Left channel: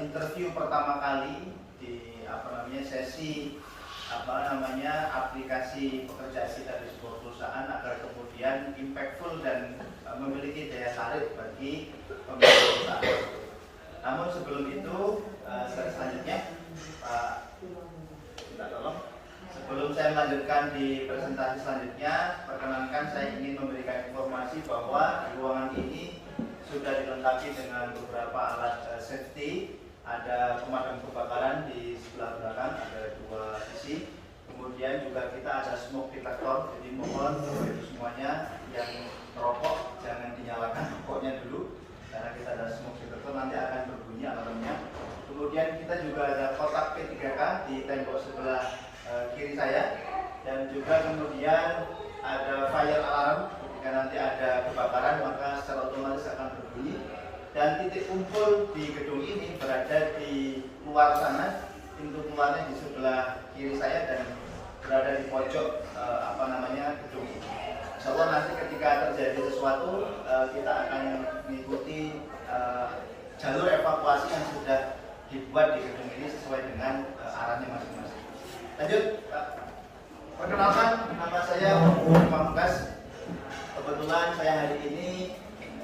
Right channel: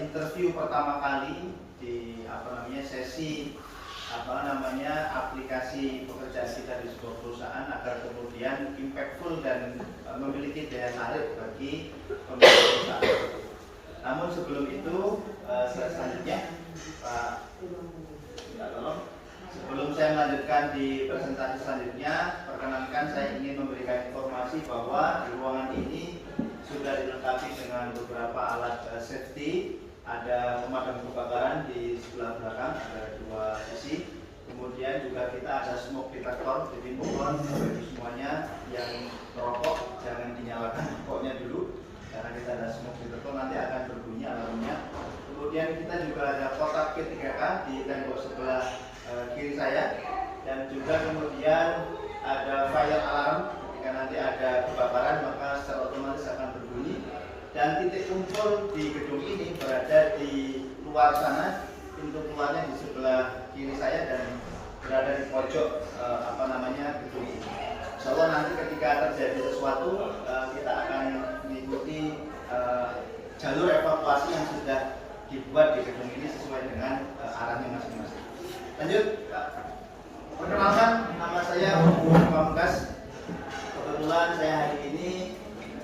interview pertama kali di sesi aplikasi pekerjaan kita di sebuah perusahaan agar kemudian impactful dan memiliki daya tarik bagi pemilik perusahaan. Namun sebelum itu selanjutnya sebelum saya melanjutkan di presentasi selanjutnya, perkenankan saya ingin memberikan informasi bahwa di ruangan ini sudah dilengkapi dengan beberapa alat safety. Ada pemadam kebakaran di sebelah belakang, ada dua sisi. Kemudian juga kita ada smoke detector, jadi mohon bagi semuanya yang merokok jangan dinyalakan rokoknya dulu, karena kita ada smoke detector, nanti akan berbunyi alarmnya. Kemudian kita juga ada kotak P3K di tembok sebelah kiri saya, dan juga kemudian ada fire alarm. Jika nanti ada kebakaran maka secara otomatis akan berbunyi. Dan titik kumpul di gedung ini berada di luar sana, pintu keluarnya di sebelah kiri saya dan berada di pojok gedung ini. Insyaallah nanti ketika terjadi sesuatu kita akan mengikuti jalur evakuasi yang sudah dibuat di gedung ini sesuai dengan arahnya masing-masing. Lanjut, perkenalkan, nama saya Pamungkas. Kebetulan saya hari ini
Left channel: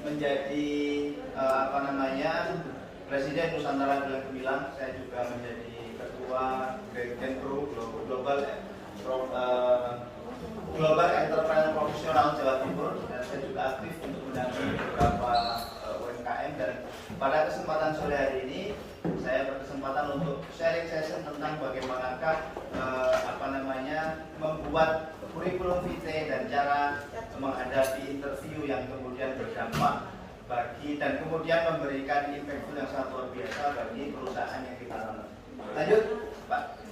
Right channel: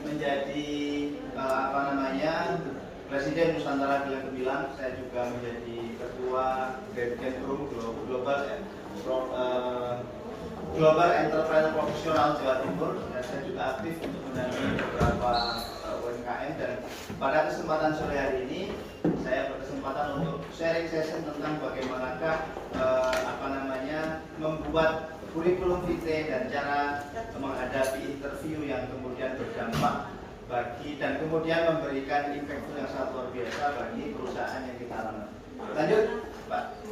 menjadi Presiden Nusantara Bilang Gemilang. Saya juga menjadi Ketua Dirjen Global Entrepreneur Profesional Jawa Timur, dan saya juga aktif untuk mendampingi beberapa UMKM. Dan pada kesempatan sore hari ini saya berkesempatan untuk sharing session tentang bagaimanakah membuat kurikulum vitae dan cara menghadapi interview yang kemudian berdampak bagi dan kemudian memberikan impactful yang sangat luar biasa bagi perusahaan yang kita lamar. Lanjut, Pak.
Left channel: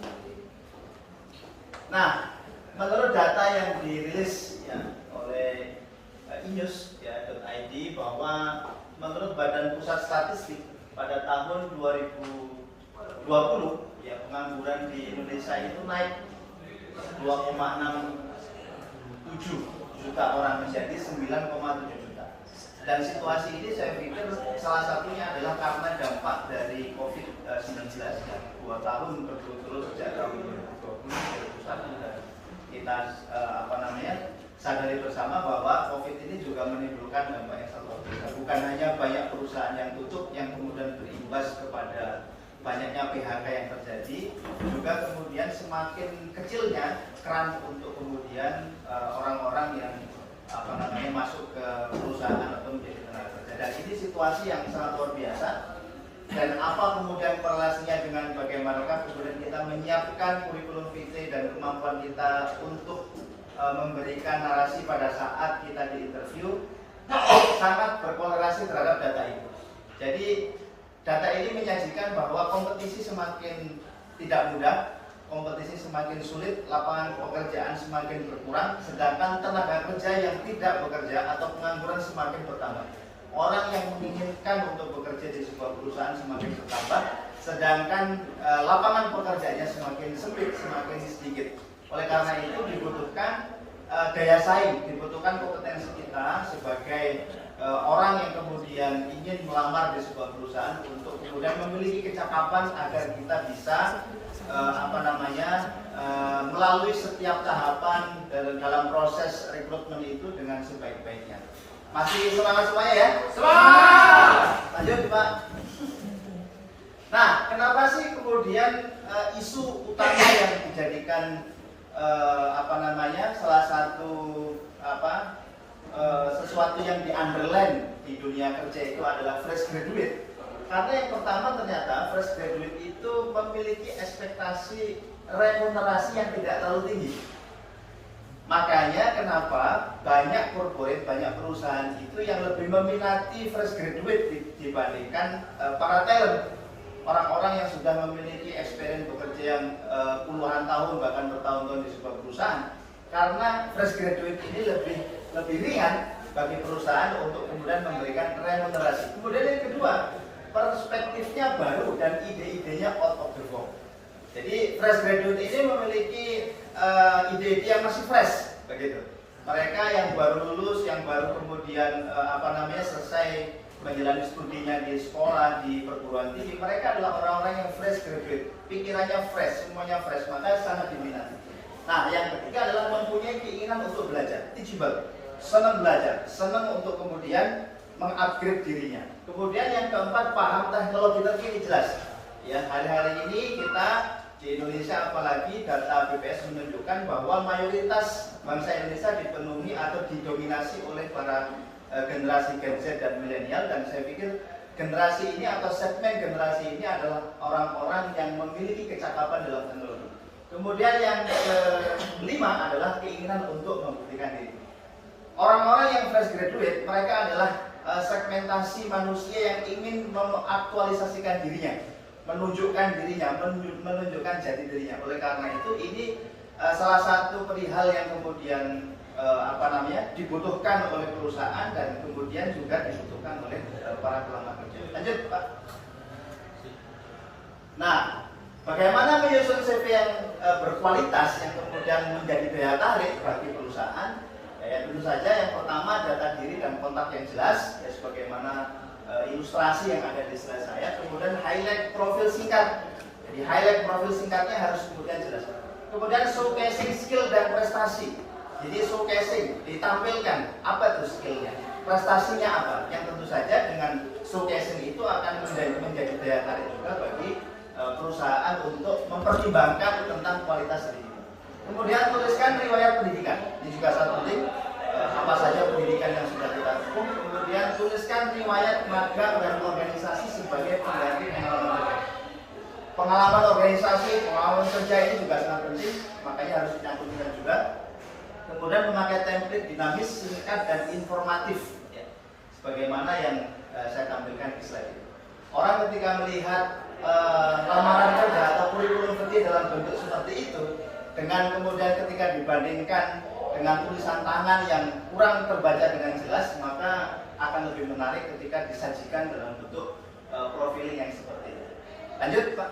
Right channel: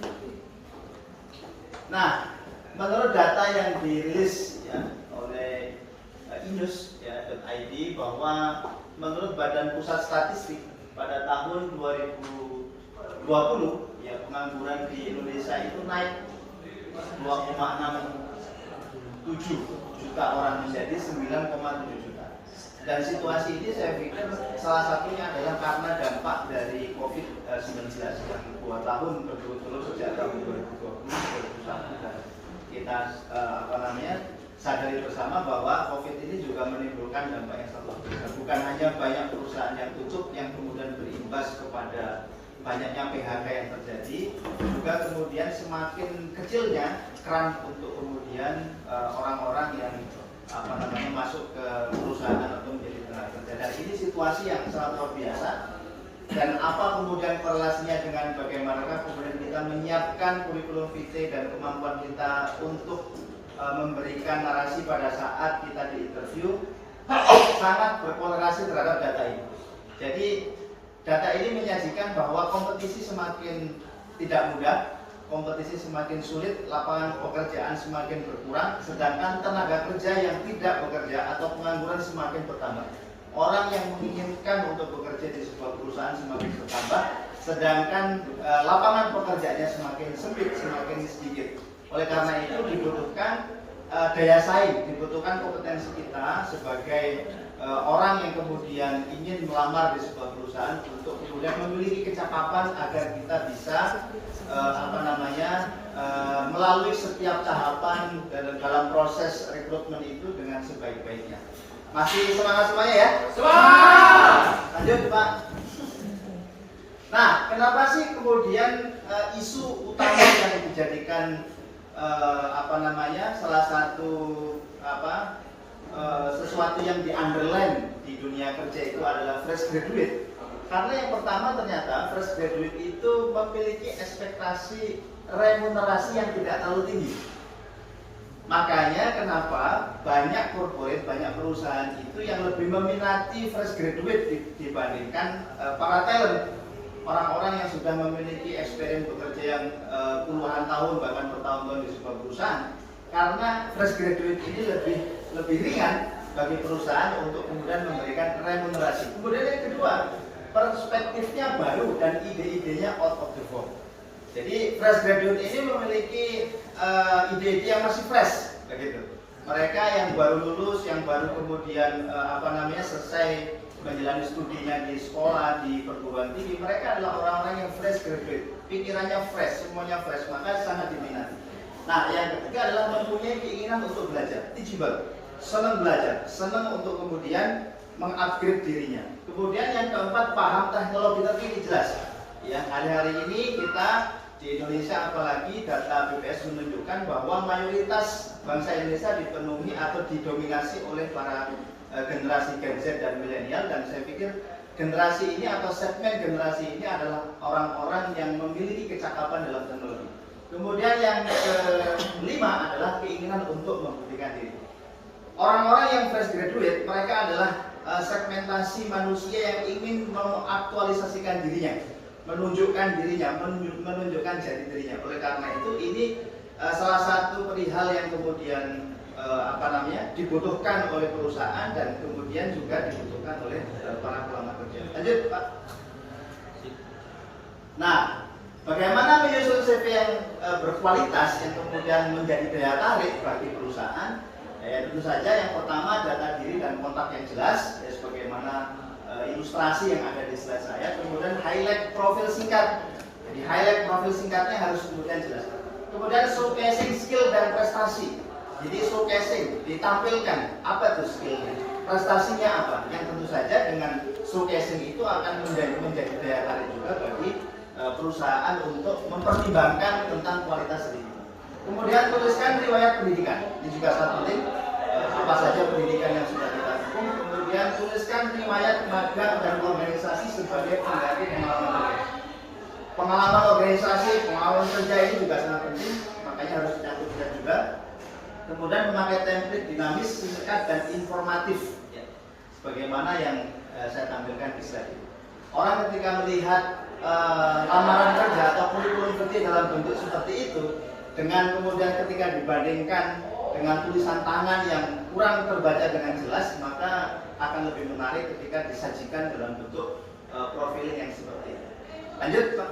Nah, menurut data yang dirilis oleh inus.id bahwa menurut Badan Pusat Statistik pada tahun 2020 pengangguran di Indonesia itu naik 2,67 juta orang menjadi 9,7 juta. Dan situasi ini saya pikir salah satunya adalah karena dampak dari COVID-19 yang 2 tahun berturut-turut sejak tahun 2020-2021, dan kita sadari bersama bahwa COVID ini juga menimbulkan dampak yang sangat luar biasa. Bukan hanya banyak perusahaan yang tutup yang kemudian berimbas kepada banyaknya PHK yang terjadi, juga kemudian semakin kecilnya keran untuk kemudian orang-orang yang masuk ke perusahaan atau menjadi tenaga kerja. Dan ini situasi yang sangat luar biasa. Dan apa kemudian korelasinya dengan bagaimanakah kemudian kita menyiapkan kurikulum vitae dan kemampuan kita untuk memberikan narasi pada saat kita diinterview sangat berkorelasi terhadap data ini. Jadi data ini menyajikan bahwa kompetisi semakin tidak mudah, kompetisi semakin sulit, lapangan pekerjaan semakin berkurang, sedangkan tenaga kerja yang tidak bekerja atau pengangguran semakin bertambah. Orang yang menginginkan untuk bekerja di sebuah perusahaan semakin bertambah, sedangkan lapangan pekerjaannya semakin sempit, semakin sedikit. Oleh karena itu dibutuhkan daya saing, dibutuhkan kompetensi kita sebagai orang yang kemudian ingin melamar di sebuah perusahaan untuk kemudian memiliki kecakapan agar kita bisa melalui setiap tahapan dalam proses rekrutmen itu dengan sebaik-baiknya. Masih semangat semuanya ya? Semangat! Lanjut Pak. Nah, kenapa sih kemudian isu utama yang dijadikan salah satu sesuatu yang di-underline di dunia kerja itu adalah fresh graduate? Karena yang pertama ternyata fresh graduate itu memiliki ekspektasi remunerasi yang tidak terlalu tinggi. Makanya kenapa banyak corporate, banyak perusahaan itu yang lebih meminati fresh graduate dibandingkan para talent, orang-orang yang sudah memiliki experience bekerja yang puluhan tahun bahkan bertahun-tahun di sebuah perusahaan. Karena fresh graduate ini lebih ringan bagi perusahaan untuk kemudian memberikan remunerasi. Kemudian yang kedua, perspektifnya baru dan ide-idenya out of the box. Jadi fresh graduate ini memiliki ide-ide yang masih fresh, begitu. Mereka yang baru lulus, yang baru kemudian selesai menjalani studinya di sekolah, di perguruan tinggi, mereka adalah orang-orang yang fresh graduate, pikirannya fresh, semuanya fresh, maka sangat diminati. Nah, yang ketiga adalah mempunyai keinginan untuk belajar, teachable, senang belajar, senang untuk kemudian mengupgrade dirinya. Kemudian yang keempat, paham teknologi terkini, jelas. Ya, hari-hari ini kita di Indonesia, apalagi data BPS menunjukkan bahwa mayoritas bangsa Indonesia dipenuhi atau didominasi oleh para generasi Gen Z dan milenial, dan saya pikir generasi ini atau segmen generasi ini adalah orang-orang yang memiliki kecakapan dalam teknologi. Kemudian yang kelima adalah keinginan untuk membuktikan diri. Orang-orang yang fresh graduate, mereka adalah segmentasi manusia yang ingin mengaktualisasikan dirinya, menunjukkan dirinya, menunjukkan jati dirinya. Oleh karena itu ini salah satu perihal yang kemudian dibutuhkan oleh perusahaan dan kemudian juga dibutuhkan oleh para pelamar kerja. Lanjut, Pak. Nah, bagaimana menyusun CV yang berkualitas yang kemudian menjadi daya tarik bagi perusahaan? Ya, tentu saja yang pertama data diri dan kontak yang jelas, ya sebagaimana ilustrasi yang ada di slide saya. Kemudian highlight profil singkat. Jadi highlight profil singkatnya harus kemudian jelas. Kemudian showcasing skill dan prestasi. Jadi showcasing, ditampilkan apa itu skillnya, prestasinya apa. Yang tentu saja dengan showcasing itu akan menjadi daya tarik juga bagi perusahaan untuk mempertimbangkan tentang kualitas diri. Kemudian tuliskan riwayat pendidikan. Ini juga sangat penting. Apa saja pendidikan yang sudah kita tempuh. Kemudian tuliskan riwayat magang dan organisasi sebagai pengganti pengalaman kerja. Pengalaman organisasi, pengalaman kerja ini juga sangat penting, makanya harus dicantumkan juga. Kemudian memakai template dinamis, singkat dan informatif, ya, sebagaimana yang saya tampilkan di slide ini. Orang ketika melihat lamaran kerja atau kurikulum kerja dalam bentuk seperti itu, dengan kemudian ketika dibandingkan dengan tulisan tangan yang kurang terbaca dengan jelas, maka akan lebih menarik ketika disajikan dalam bentuk profiling yang seperti itu. Lanjut, Pak.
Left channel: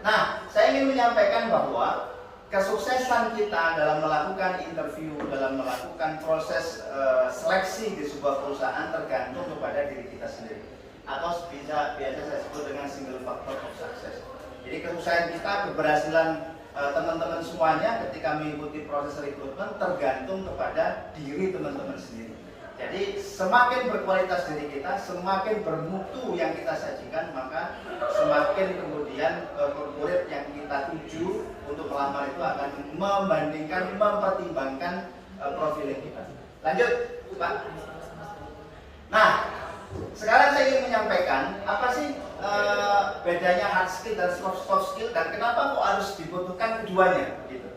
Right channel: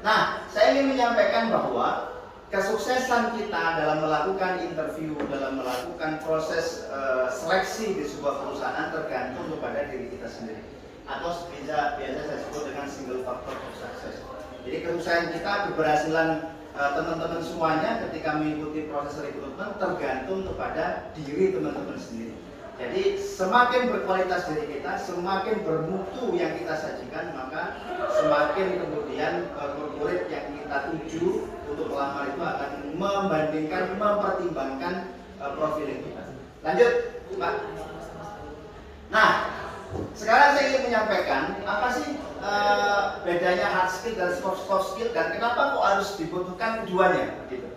Nah, saya ingin menyampaikan bahwa kesuksesan kita dalam melakukan interview, dalam melakukan proses seleksi di sebuah perusahaan tergantung kepada diri kita sendiri, atau biasa saya sebut dengan single factor of success. Jadi kesuksesan kita, keberhasilan teman-teman semuanya ketika mengikuti proses rekrutmen tergantung kepada diri teman-teman sendiri. Jadi semakin berkualitas diri kita, semakin bermutu yang kita sajikan, maka semakin kemudian corporate yang kita tuju untuk melamar itu akan membandingkan, mempertimbangkan profiling kita. Lanjut, Pak. Nah, sekarang saya ingin menyampaikan apa sih bedanya hard skill dan soft skill, dan kenapa kok harus dibutuhkan keduanya gitu.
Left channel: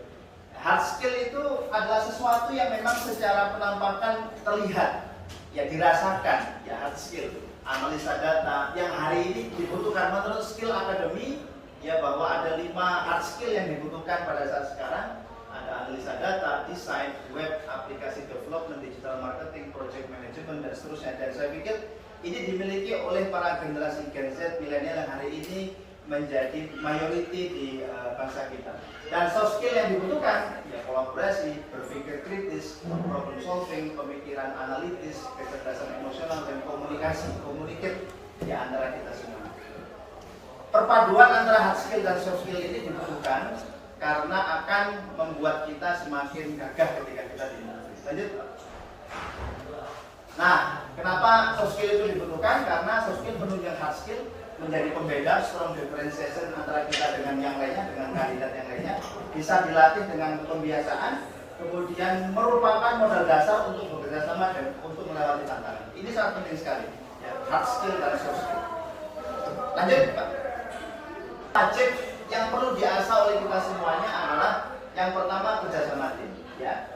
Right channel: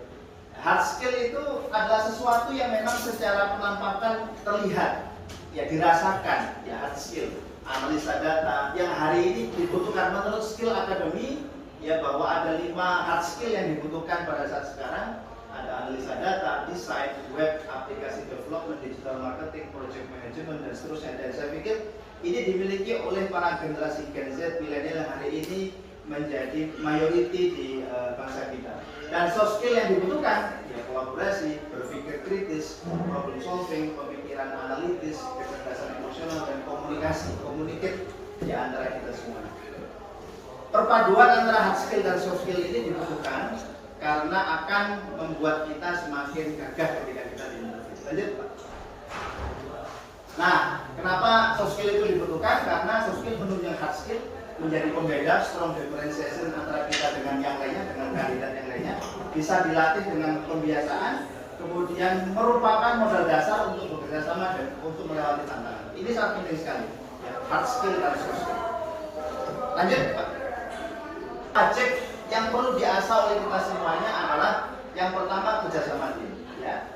Hard skill itu adalah sesuatu yang memang secara penampakan terlihat, ya dirasakan, ya hard skill, analisa data yang hari ini dibutuhkan menurut skill akademi, ya bahwa ada 5 hard skill yang dibutuhkan pada saat sekarang. Ada analisa data, desain, web, aplikasi development, digital marketing, project management, dan seterusnya. Dan saya pikir ini dimiliki oleh para generasi Gen Z, milenial yang hari ini menjadi mayoriti di bangsa kita. Dan soft skill yang dibutuhkan, ya kolaborasi, berpikir kritis, problem solving, pemikiran analitis, kecerdasan emosional, dan komunikasi, communicate di antara kita semua. Perpaduan antara hard skill dan soft skill ini dibutuhkan karena akan membuat kita semakin gagah ketika kita di interview. Lanjut, Pak. Nah, kenapa soft skill itu dibutuhkan? Karena soft skill menunjang hard skill, menjadi pembeda, strong differentiation antara kita dengan yang lainnya, dengan kandidat yang lainnya, bisa dilatih dengan pembiasaan, kemudian merupakan modal dasar untuk bekerja sama dan untuk melewati tantangan. Ini sangat penting sekali, ya, hard skill dan soft skill. Lanjut, Pak. Wajib yang perlu diasah oleh kita semuanya adalah yang pertama kerjasama tim, ya.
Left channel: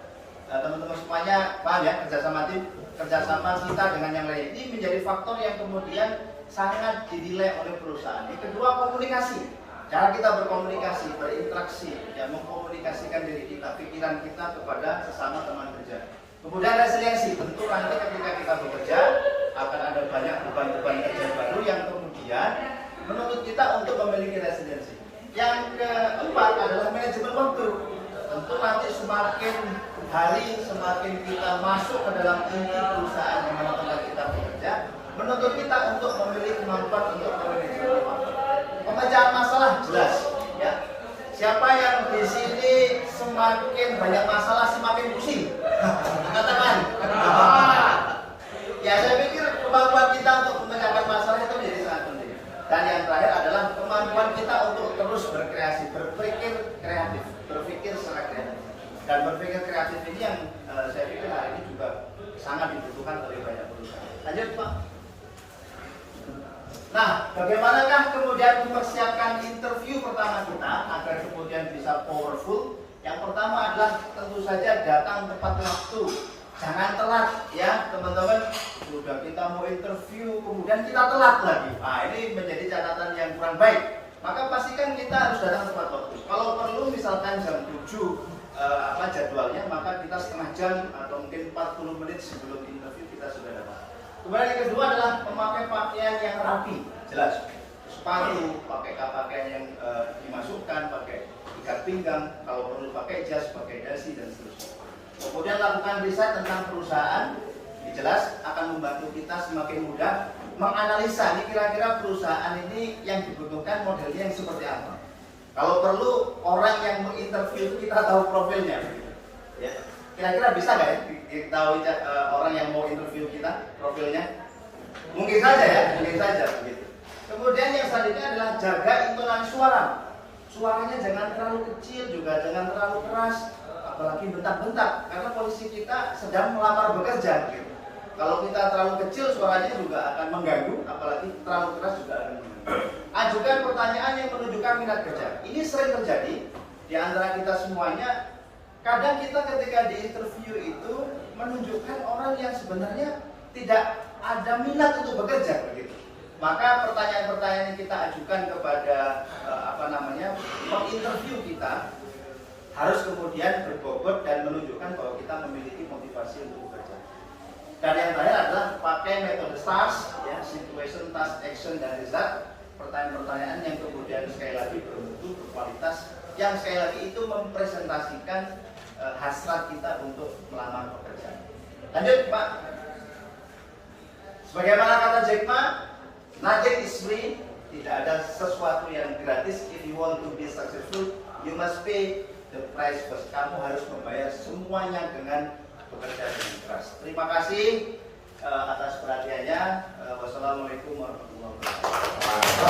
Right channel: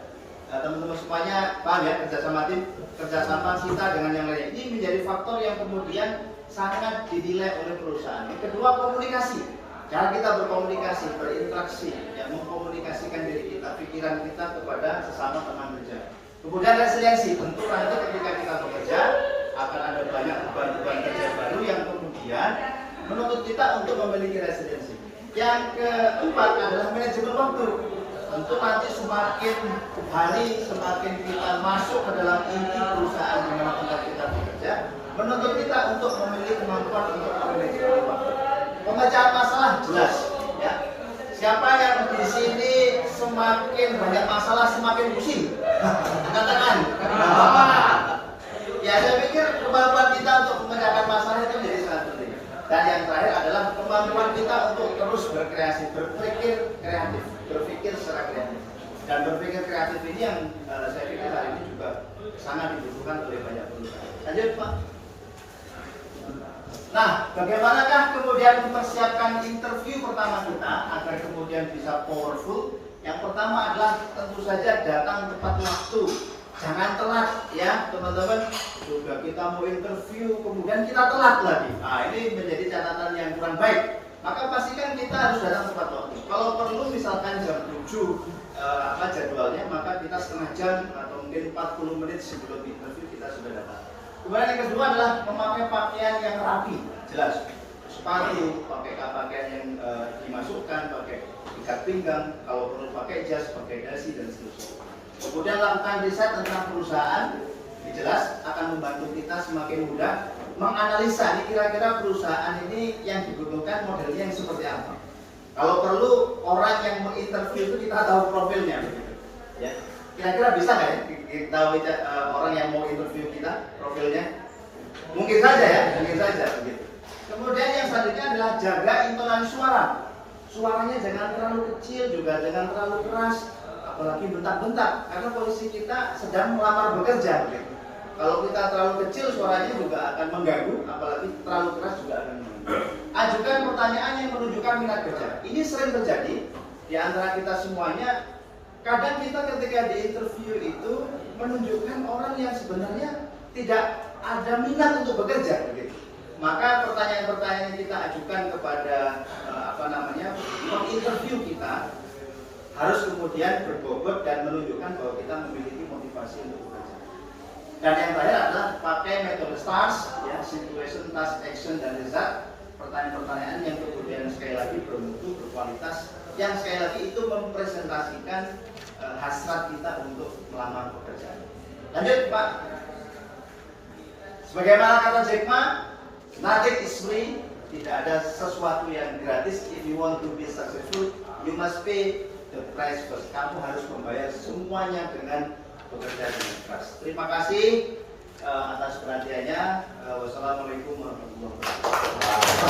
Nah, teman-teman semuanya paham ya, kerjasama tim, kerjasama kita dengan yang lain ini menjadi faktor yang kemudian sangat dinilai oleh perusahaan. Yang kedua, komunikasi, cara kita berkomunikasi, berinteraksi, ya, mengkomunikasikan diri kita, pikiran kita kepada sesama teman kerja. Kemudian resiliensi, tentu nanti ketika kita bekerja akan ada banyak beban-beban kerja baru yang kemudian menuntut kita untuk memiliki resiliensi. Yang keempat adalah manajemen waktu. Tentu nanti semakin hari semakin kita masuk ke dalam inti perusahaan yang melakukan kita bekerja, menuntut kita untuk memiliki kemampuan untuk manajemen waktu. Pemecahan masalah jelas, ya. Siapa yang di sini semakin banyak masalah semakin pusing? Katakan. Ya, saya pikir kemampuan kita untuk memecahkan masalah itu menjadi sangat penting. Dan yang terakhir adalah kemampuan kita untuk terus berkreasi, berpikir kreatif, berpikir secara kreatif. Dan berpikir kreatif ini yang saya pikir hari ini juga sangat dibutuhkan oleh banyak perusahaan. Lanjut, Pak. Nah, bagaimanakah kemudian mempersiapkan interview pertama kita agar kemudian bisa powerful? Yang pertama adalah tentu saja datang tepat waktu. Jangan telat ya teman-teman. Sudah kita mau interview kemudian kita telat lagi. Nah, ini menjadi catatan yang kurang baik. Maka pastikan kita harus datang tepat waktu. Kalau perlu misalkan jam 7 jadwalnya, maka kita setengah jam atau mungkin 40 menit sebelum interview kita sudah datang. Kemudian yang kedua adalah memakai pakaian yang rapi, jelas. Sepatu, pakai pakaian yang dimasukkan, pakai ikat pinggang, kalau perlu pakai jas, pakai dasi dan seterusnya. Kemudian lakukan riset tentang perusahaan, jelas akan membantu kita semakin mudah menganalisa ini kira-kira perusahaan ini yang dibutuhkan modelnya yang seperti apa. Kalau perlu orang yang menginterview itu kita tahu profilnya, begitu. Ya, kira-kira bisa nggak ya kita tahu orang yang mau interview kita profilnya? Mungkin saja ya, mungkin saja begitu. Kemudian yang selanjutnya adalah jaga intonasi suara. Suaranya jangan terlalu kecil, juga jangan terlalu keras. Apalagi bentak-bentak, karena posisi kita sedang melamar bekerja begitu. Kalau kita terlalu kecil suaranya juga akan mengganggu, apalagi terlalu keras juga akan mengganggu. Ajukan pertanyaan yang menunjukkan minat kerja. Ini sering terjadi di antara kita semuanya. Kadang kita ketika di interview itu menunjukkan orang yang sebenarnya tidak ada minat untuk bekerja begitu. Maka pertanyaan-pertanyaan yang kita ajukan kepada menginterview kita harus kemudian berbobot dan menunjukkan bahwa kita memiliki motivasi untuk bekerja. Dan yang terakhir adalah pakai metode STARS, ya, situation, task, action, dan result. Pertanyaan-pertanyaan yang kemudian sekali lagi bermutu, berkualitas, yang sekali lagi itu mempresentasikan hasrat kita untuk melamar pekerjaan. Lanjut, Pak. Sebagaimana kata Jack Ma, nothing is free. Tidak ada sesuatu yang gratis. If you want to be successful, you must pay the price first. Kamu harus membayar semuanya dengan bekerja dengan ikhlas. Terima kasih atas perhatiannya. Wassalamualaikum warahmatullahi wabarakatuh.